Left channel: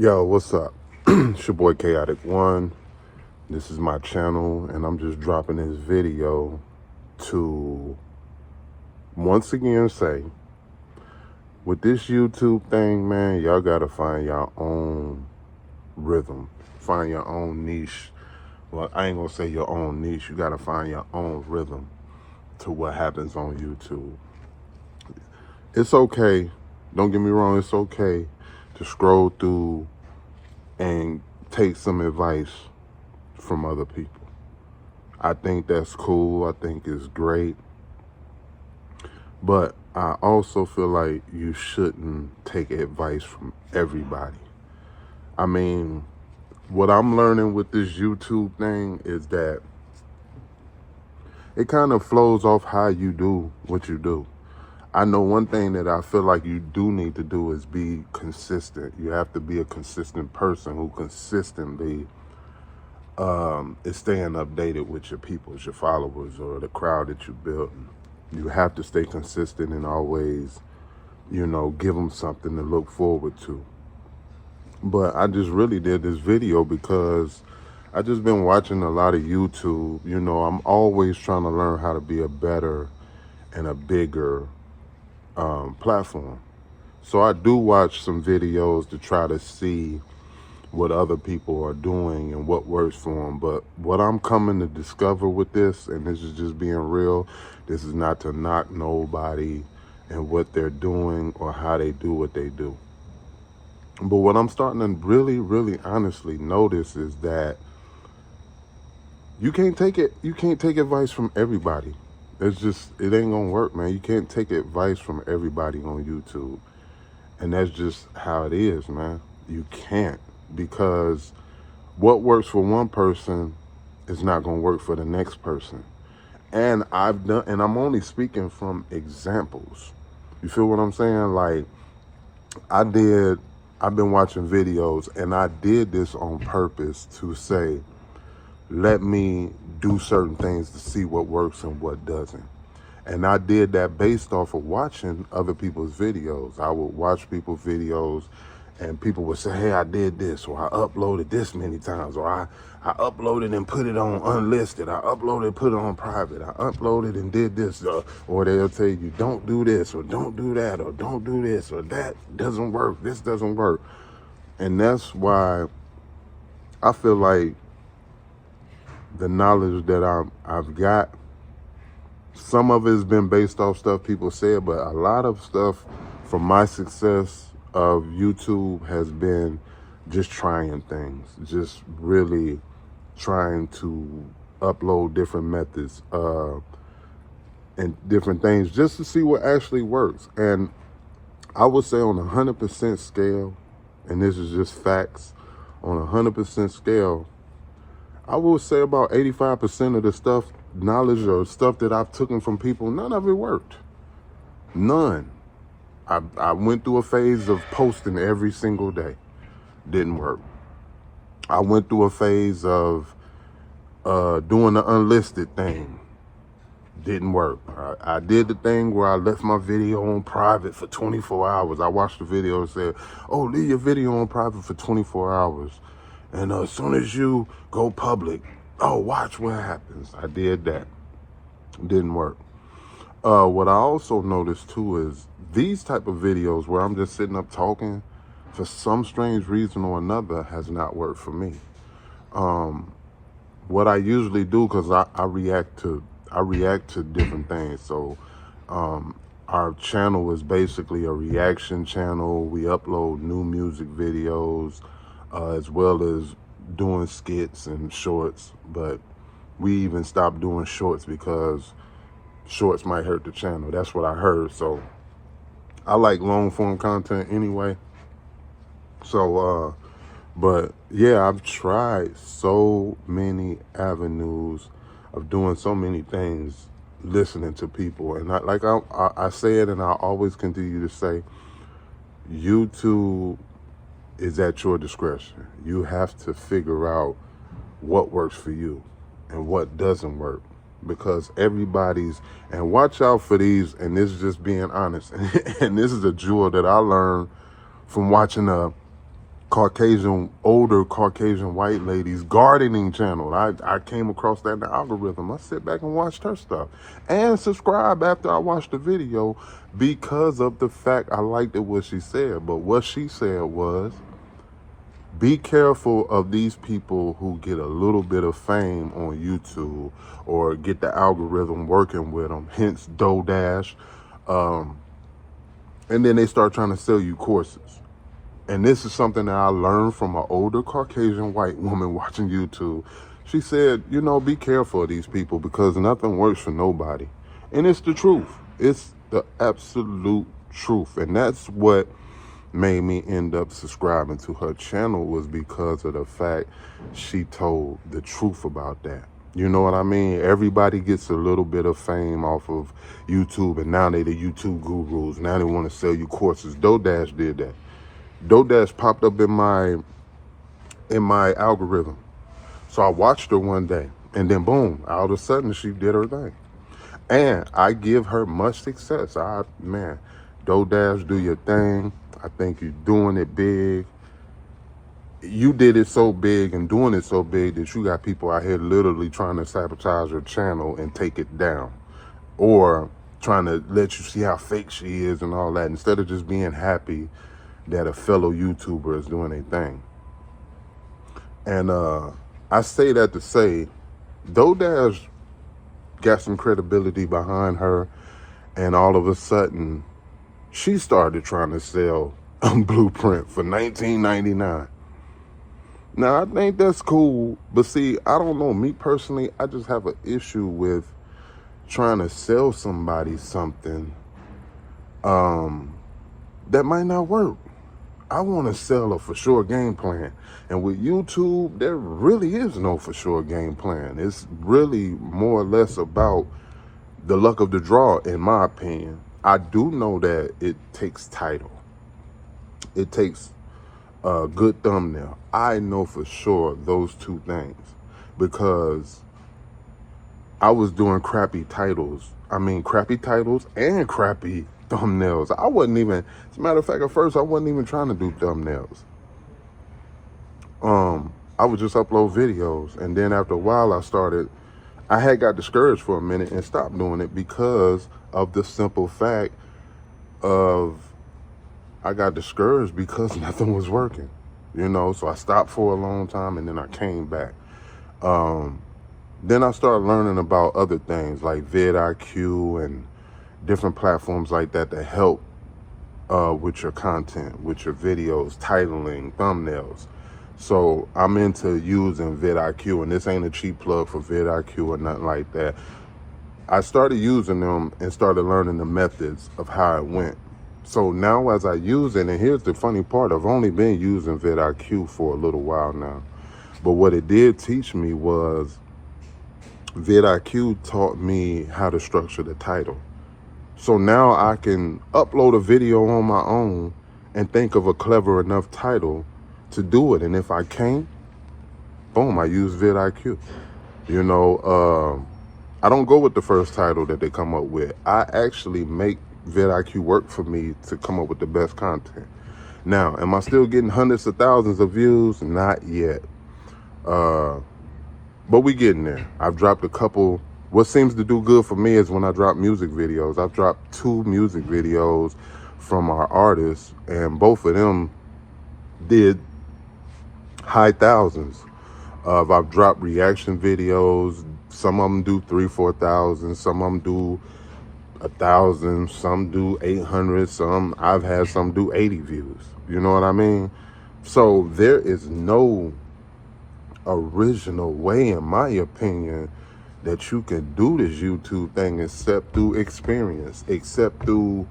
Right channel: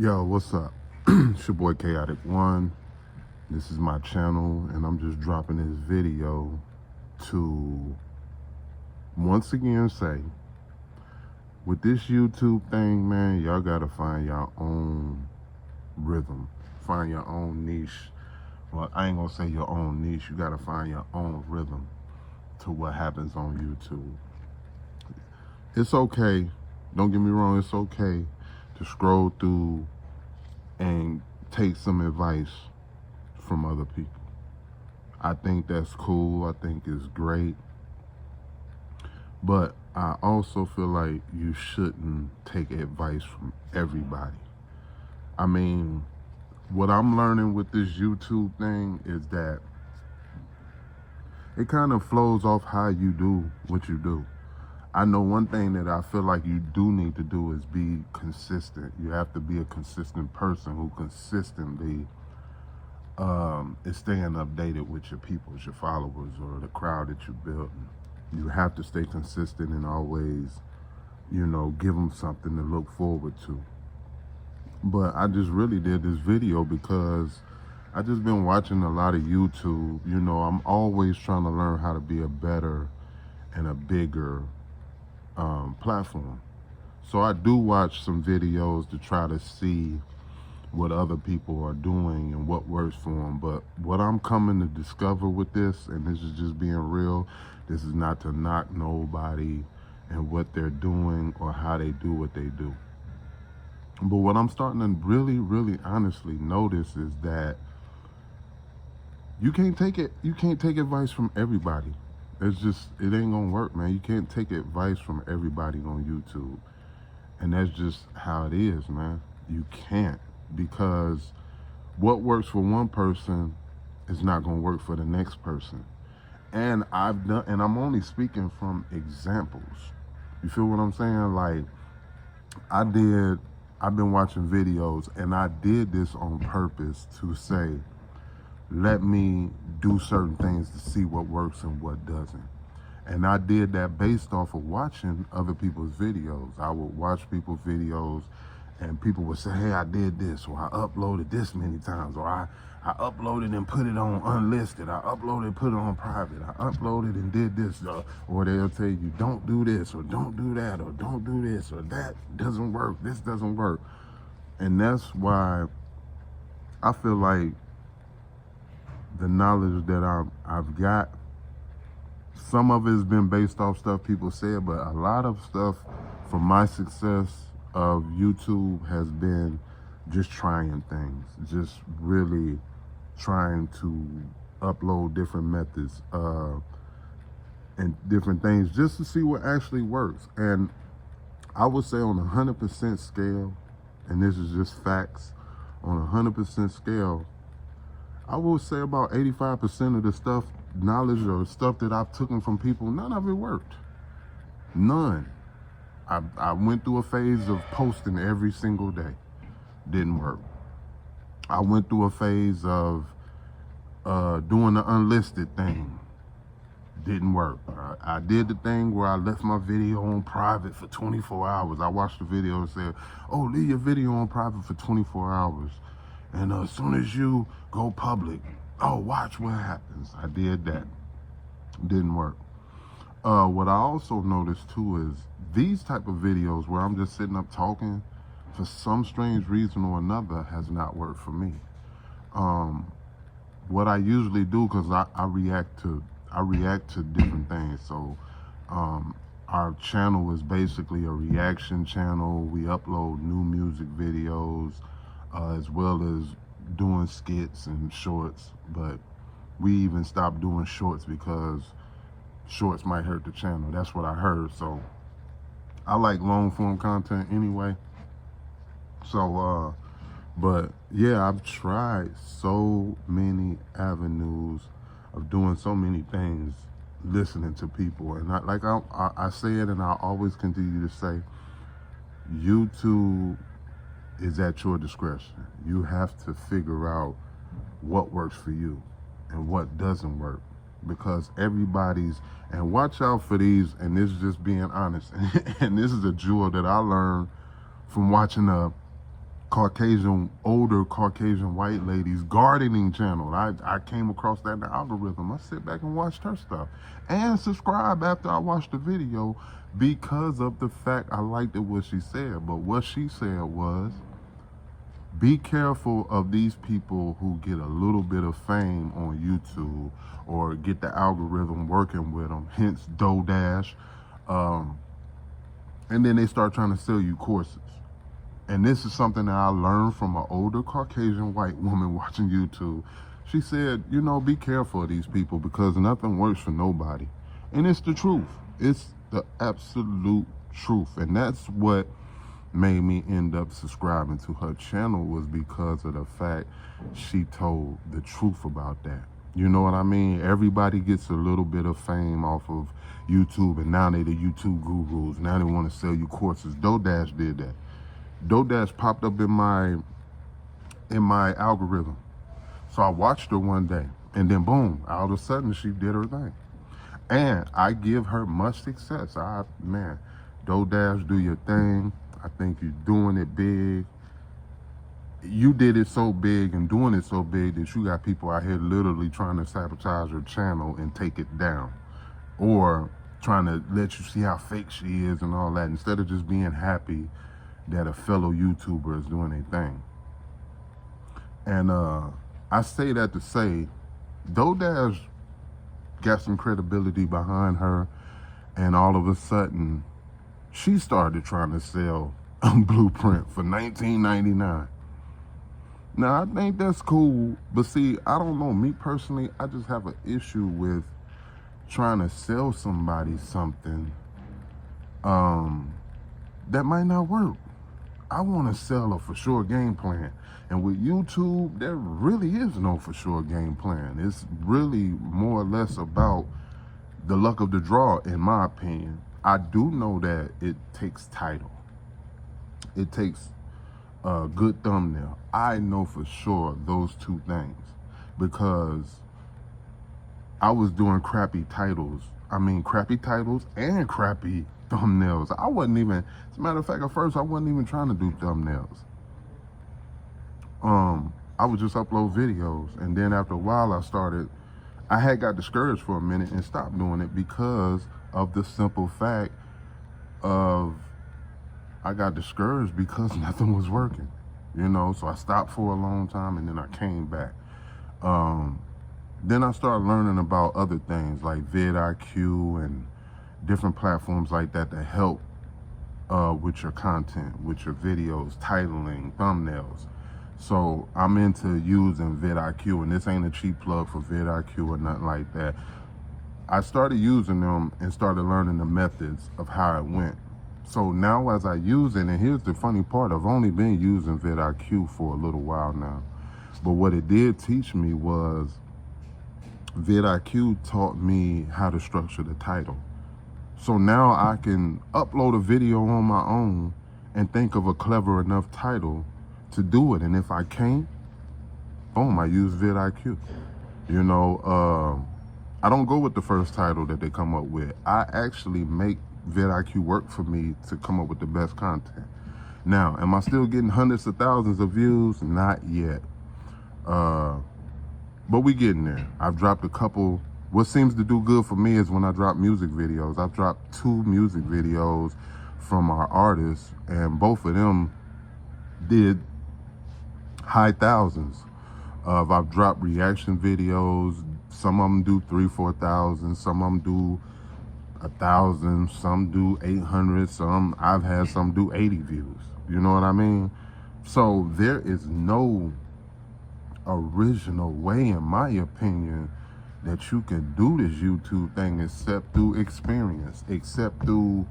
Yo, what's up? It's your boy Chaotic One. This is my channel, and I'm just dropping this video to once again say, with this YouTube thing, man, y'all gotta find your own rhythm, find your own niche. Well, I ain't gonna say your own niche. You gotta find your own rhythm to what happens on YouTube. It's okay. Don't get me wrong. It's okay to scroll through and take some advice from other people. I think that's cool. I think it's great. But I also feel like you shouldn't take advice from everybody. I mean, what I'm learning with this YouTube thing is that it kind of flows off how you do what you do. I know one thing that I feel like you do need to do is be consistent. You have to be a consistent person who consistently is staying updated with your people, your followers, or the crowd that you built. You have to stay consistent and always, give them something to look forward to. But I just really did this video because I just been watching a lot of YouTube. I'm always trying to learn how to be a better and a bigger platform. So I do watch some videos to try to see what other people are doing and what works for them. But what I'm coming to discover with this, and this is just being real, this is not to knock nobody and what they're doing or how they do what they do. But what I'm starting to really, really honestly notice is that you can't take advice from everybody. It ain't gonna work, man. You can't take advice from everybody on YouTube. And that's just how it is, man. You can't, because what works for one person is not gonna work for the next person. And I'm only speaking from examples. You feel what I'm saying? Like, I've been watching videos, and I did this on purpose to say, let me do certain things to see what works and what doesn't. And I did that based off of watching other people's videos. I would watch people's videos and people would say, hey, I did this, or I uploaded this many times, or I uploaded and put it on unlisted. I uploaded, put it on private. I uploaded and did this. Or they'll tell you, don't do this, or don't do that, or don't do this, or that doesn't work. This doesn't work. And that's why I feel like the knowledge that I've got, some of it has been based off stuff people said, but a lot of stuff from my success of YouTube has been just trying things, just really trying to upload different methods and different things just to see what actually works. And I would say on a 100% scale, and this is just facts, on a 100% scale, I would say about 85% of the knowledge or stuff that I've taken from people, none of it worked. None. I went through a phase of posting every single day. Didn't work. I went through a phase of doing the unlisted thing. Didn't work. I did the thing where I left my video on private for 24 hours. I watched the video and said, oh, leave your video on private for 24 hours. And as soon as you go public, oh, watch what happens. I did that. Didn't work. What I also noticed too is these type of videos where I'm just sitting up talking, for some strange reason or another, has not worked for me. What I usually do, because I react to different things. So our channel is basically a reaction channel. We upload new music videos, as well as doing skits and shorts. But we even stopped doing shorts because shorts might hurt the channel. That's what I heard. So I like long form content anyway. So but yeah, I've tried so many avenues of doing so many things, listening to people. And I say it, and I always continue to say, YouTube is at your discretion. You have to figure out what works for you and what doesn't work, because and watch out for these, and this is just being honest, and this is a jewel that I learned from watching older Caucasian white ladies gardening channel. I came across that in the algorithm. I sit back and watched her stuff and subscribe after I watched the video because of the fact I liked it what she said. But what she said was, be careful of these people who get a little bit of fame on YouTube or get the algorithm working with them, hence DoorDash. And then they start trying to sell you courses. And this is something that I learned from an older Caucasian white woman watching YouTube. She said, you know, be careful of these people because nothing works for nobody. And it's the truth. It's the absolute truth. And that's what made me end up subscribing to her channel, was because of the fact she told the truth about that. You know what I mean? Everybody gets a little bit of fame off of YouTube, and now they the YouTube gurus. Now they want to sell you courses. DoorDash did that. DoorDash popped up in my algorithm. So I watched her one day, and then boom, all of a sudden she did her thing. And I give her much success. Man, DoorDash, do your thing. I think you're doing it big. You did it so big and doing it so big that you got people out here literally trying to sabotage your channel and take it down, or trying to let you see how fake she is and all that, instead of just being happy that a fellow YouTuber is doing a thing. And I say that to say, DoorDash got some credibility behind her, and all of a sudden she started trying to sell a blueprint for $19.99. Now, I think that's cool, but see, I don't know. Me personally, I just have an issue with trying to sell somebody something that might not work. I want to sell a for sure game plan. And with YouTube, there really is no for sure game plan. It's really more or less about the luck of the draw, in my opinion. I do know that it takes title. It takes a good thumbnail. I know for sure those two things, because I was doing crappy titles. I mean, crappy titles and crappy thumbnails. I wasn't even, as a matter of fact, at first I wasn't even trying to do thumbnails. I would just upload videos, and then after a while I had got discouraged for a minute and stopped doing it because of the simple fact of I got discouraged because nothing was working, you know. So I stopped for a long time, and then I came back. Then I started learning about other things like vidIQ and different platforms like that that help with your content, with your videos, titling, thumbnails. So I'm into using vidIQ, and this ain't a cheap plug for vidIQ or nothing like that. I started using them and started learning the methods of how it went. So now as I use it, and here's the funny part, I've only been using vidIQ for a little while now. But what it did teach me was vidIQ taught me how to structure the title. So now I can upload a video on my own and think of a clever enough title to do it. And if I can't, boom, I use vidIQ. You know, I don't go with the first title that they come up with. I actually make vidIQ work for me to come up with the best content. Now, am I still getting hundreds of thousands of views? Not yet. But we getting there. I've dropped a couple. What seems to do good for me is when I drop music videos. I've dropped 2 music videos from our artists, and both of them did high thousands. I've dropped reaction videos. Some of them do 3,000-4,000. Some of them do 1,000. Some do 800. I've had some do 80 views. You know what I mean? So there is no original way, in my opinion, that you can do this YouTube thing except through experience, except through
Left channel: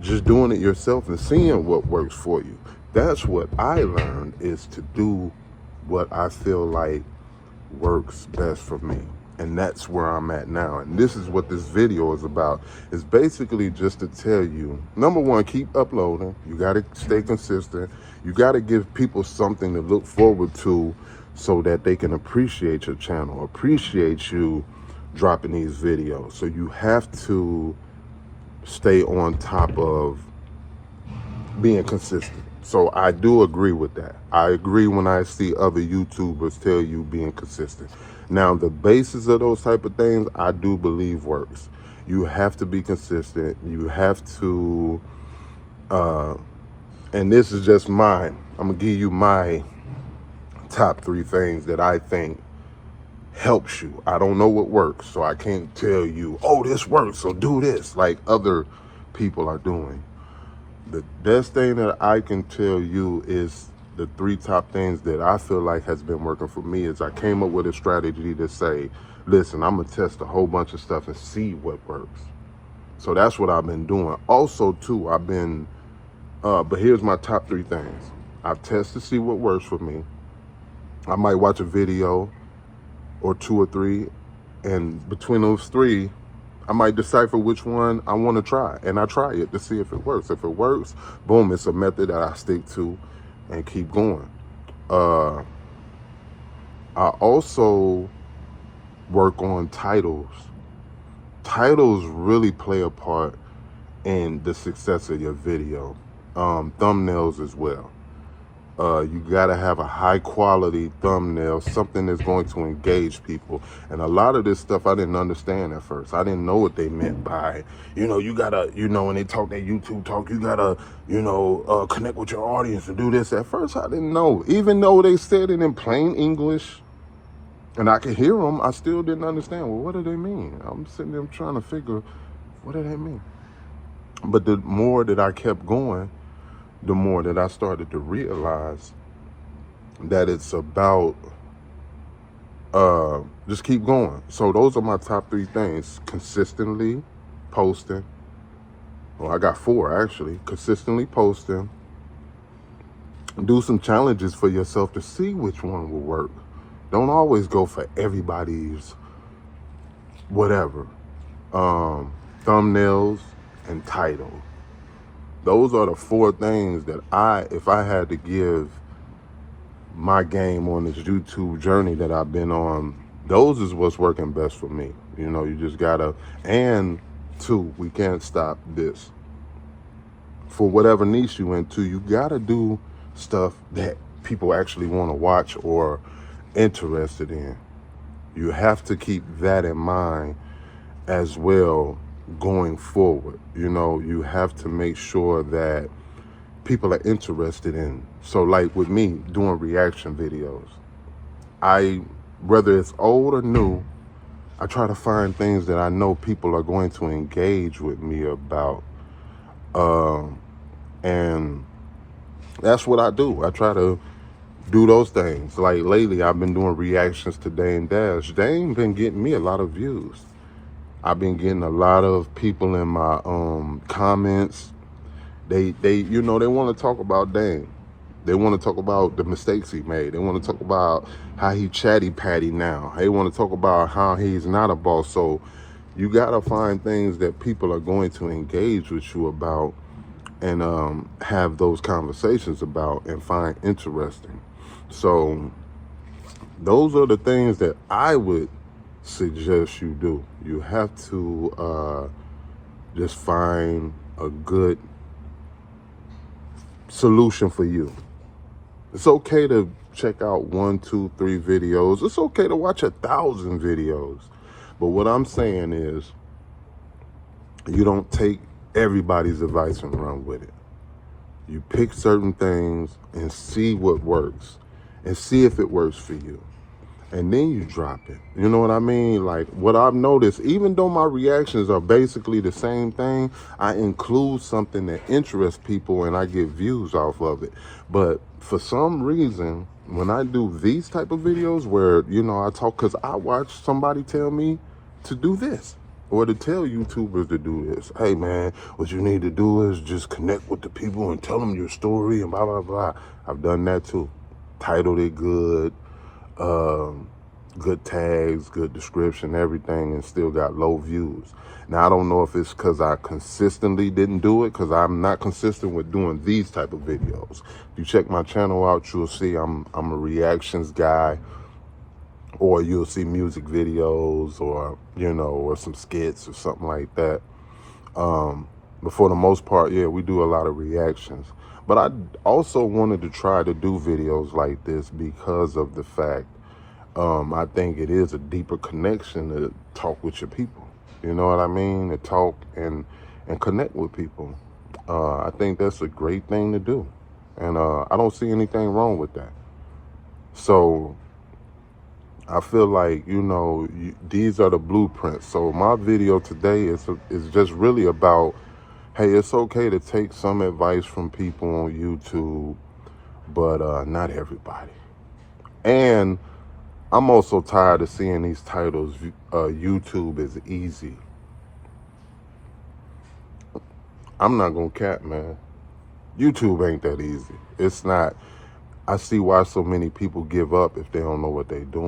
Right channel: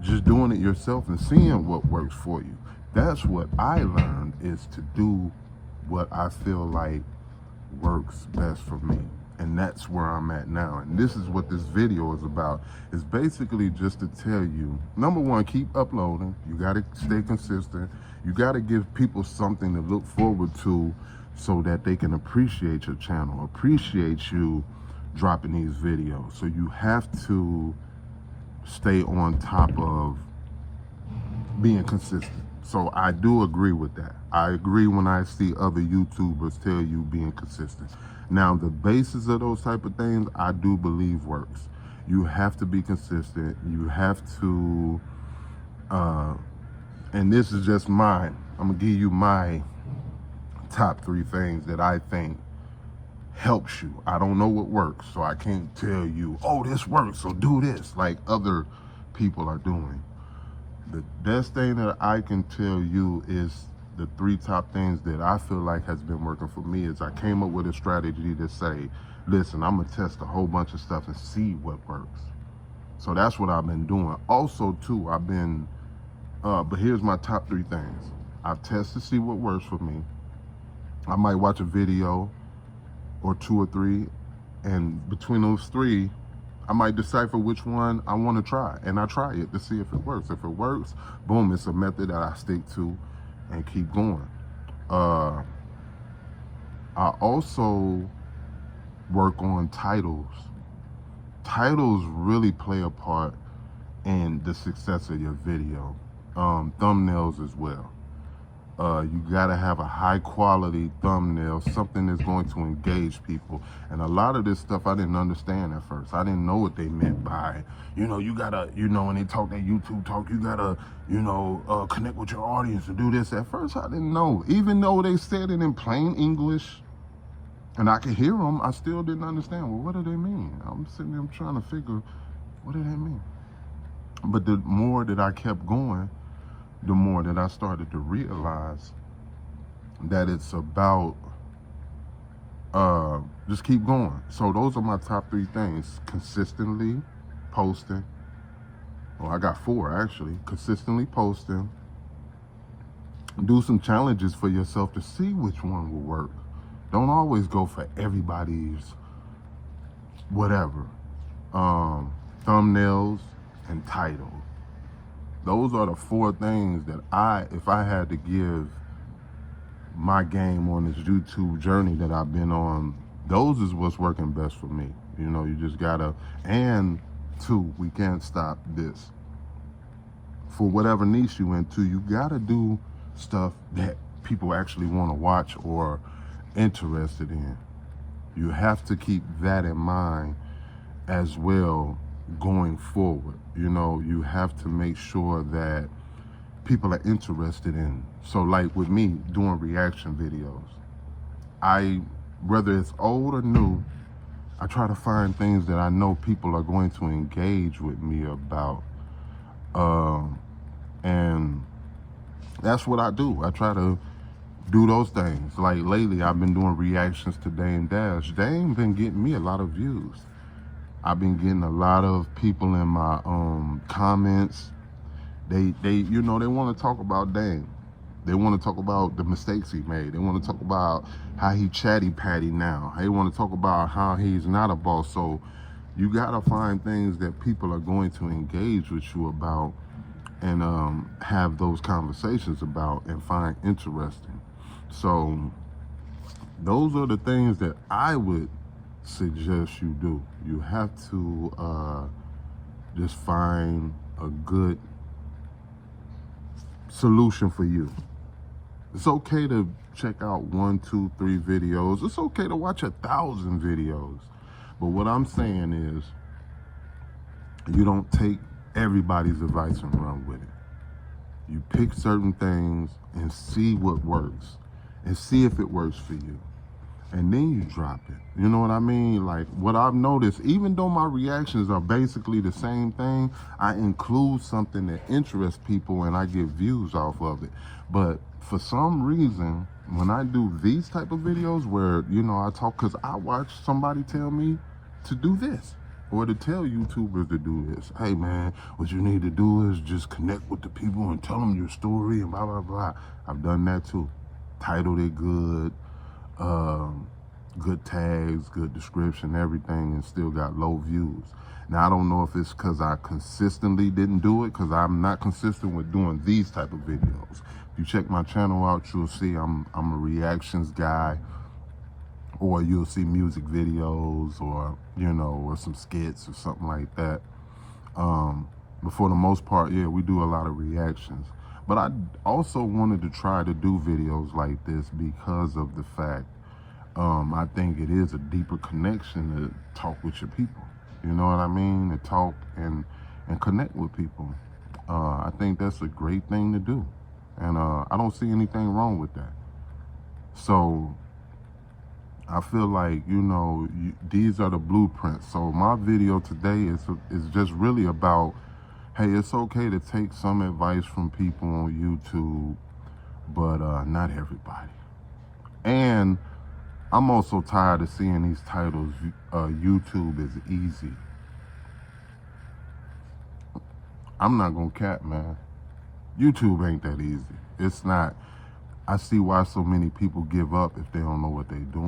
just doing it yourself and seeing what works for you. That's what I learned, is to do what I feel like works best for me. And that's where I'm at now. And this is what this video is about. It's basically just to tell you, number one, keep uploading. You got to stay consistent. You got to give people something to look forward to so that they can appreciate your channel, appreciate you dropping these videos. So you have to stay on top of being consistent. So I do agree with that. I agree when I see other YouTubers tell you being consistent. Now, the basis of those type of things, I do believe works. You have to be consistent. You have to, and this is just mine. I'm gonna give you my top 3 things that I think helps you. I don't know what works, so I can't tell you, oh, this works, so do this, like other people are doing. The best thing that I can tell you is the 3 top things that I feel like has been working for me is I came up with a strategy to say, listen, I'm gonna test a whole bunch of stuff and see what works. So that's what I've been doing. Also too, I've been, but here's my top 3 things. I've tested to see what works for me. I might watch a video or 2 or 3, and between those 3, I might decipher which one I want to try, and I try it to see if it works. If it works, boom, it's a method that I stick to and keep going. I also work on titles. Titles really play a part in the success of your video. Thumbnails as well. You gotta have a high quality thumbnail, something that's going to engage people. And a lot of this stuff I didn't understand at first. I didn't know what they meant by, you gotta, when they talk that YouTube talk, you gotta, connect with your audience and do this. At first I didn't know. Even though they said it in plain English and I could hear them, I still didn't understand. Well, what do they mean? I'm sitting there trying to figure, what do they mean? But the more that I kept going, the more that I started to realize that it's about just keep going. So those are my top 3 things. Consistently posting. Well, I got 4 actually. Consistently posting. Do some challenges for yourself to see which one will work. Don't always go for everybody's whatever. Thumbnails and title. Those are the 4 things that if I had to give my game on this YouTube journey that I've been on, those is what's working best for me. You just gotta, and 2, we can't stop this. For whatever niche you into, you gotta do stuff that people actually want to watch or interested in. You have to keep that in mind as well going forward. You have to make sure that people are interested in. So like with me doing reaction videos, whether it's old or new, I try to find things that I know people are going to engage with me about. And that's what I do. I try to do those things. Like lately, I've been doing reactions to Dame Dash. Dame been getting me a lot of views. I've been getting a lot of people in my comments. They want to talk about Dame. They want to talk about the mistakes he made. They want to talk about how he chatty patty now. They want to talk about how he's not a boss. So you gotta find things that people are going to engage with you about and have those conversations about and find interesting. So those are the things that I would suggest you do. You have to just find a good solution for you. It's okay to check out 1, 2, 3 videos. It's okay to watch 1,000 videos. But what I'm saying is, you don't take everybody's advice and run with it. You pick certain things and see what works and see if it works for you. And then you drop it. You know what I mean? Like what I've noticed, even though my reactions are basically the same thing, I include something that interests people and I get views off of it. But for some reason, when I do these type of videos where, I talk, because I watch somebody tell me to do this or to tell YouTubers to do this. Hey man, what you need to do is just connect with the people and tell them your story and blah, blah, blah. I've done that too. Titled it good. Good tags, good description, everything, and still got low views. Now I don't know if it's because I consistently didn't do it, because I'm not consistent with doing these type of videos. If you check my channel out, you'll see I'm a reactions guy, or you'll see music videos, or or some skits or something like that. But for the most part, yeah, we do a lot of reactions. But I also wanted to try to do videos like this because of the fact I think it is a deeper connection to talk with your people. You know what I mean? To talk and connect with people. I think that's a great thing to do. And I don't see anything wrong with that. So I feel like, you know, these are the blueprints. So my video today is just really about, hey, it's okay to take some advice from people on YouTube, but not everybody. And I'm also tired of seeing these titles, YouTube is easy. I'm not gonna cap, man. YouTube ain't that easy. It's not. I see why so many people give up if they don't know what they're doing.